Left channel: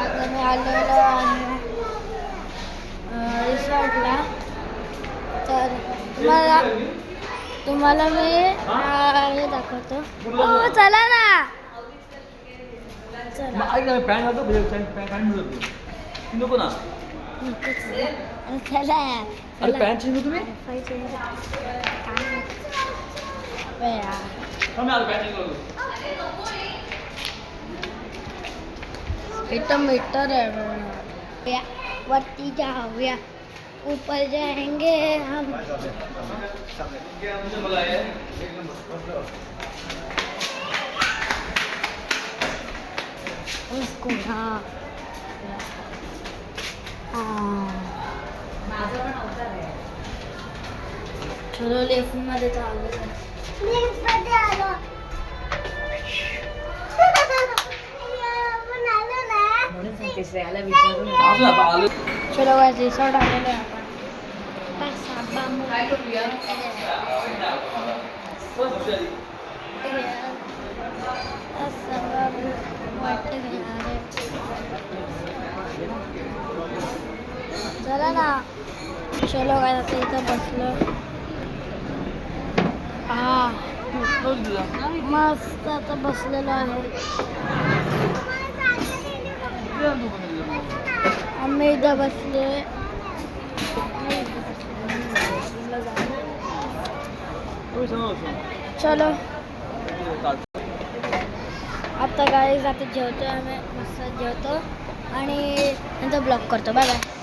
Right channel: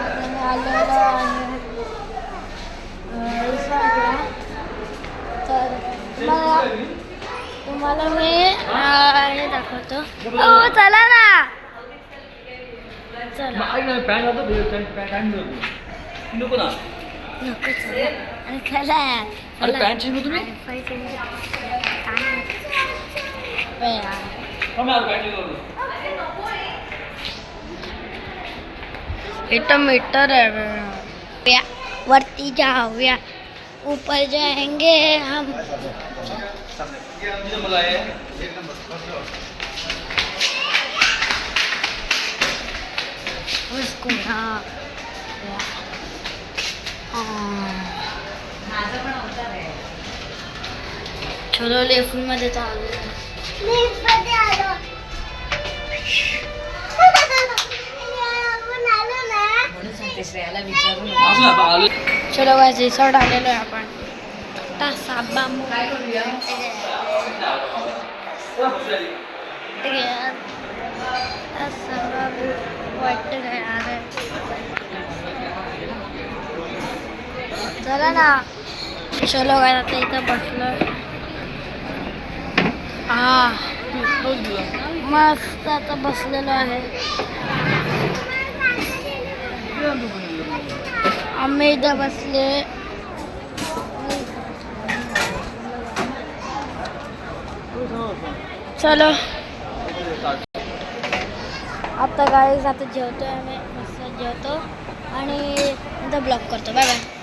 आता मी आलेलो आहे रिसॉर्टला. तर तुम्हाला मी हे दाखवतो. हो चला ना, चला. नको आणि चला इतना मीटर है, वर्ती जाऊया, ऊपर जाएंगे हम. उसको चलो लेफ्ट मध्ये चालू. चलो गाइस रिसॉर्ट आलेलो आहे आपण. आता साबा वाटतं काय अरे चला ना. चलो गाइस आता इथं बसलो. मस्त आता बसलेलो आहे. आम्ही इथं बसले. चलो आता गाईज आता जेवतोय आम्ही. मस्त जेवतो आणि नंतर ब्लॉग करतो. Bye bye.